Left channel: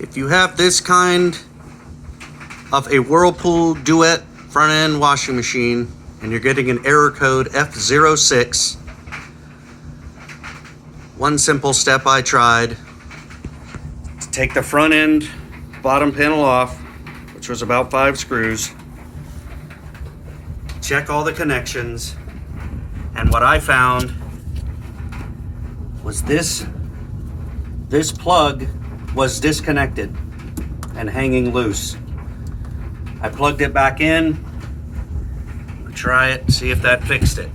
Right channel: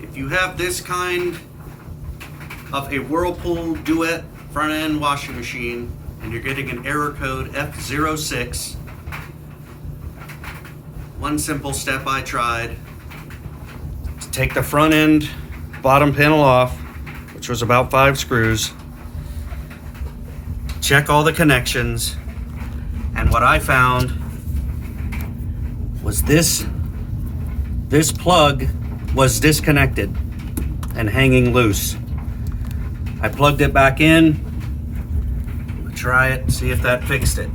If you have this kind of a Whirlpool Duet front end washing machine and you're getting an error code F06, one simple step I tried: to take the front end bottom panel off, which was about 5 screws, check all the connections, and what I found was this plug was disconnected and hanging loose. I plugged it back in. Try it, see if that fixed it.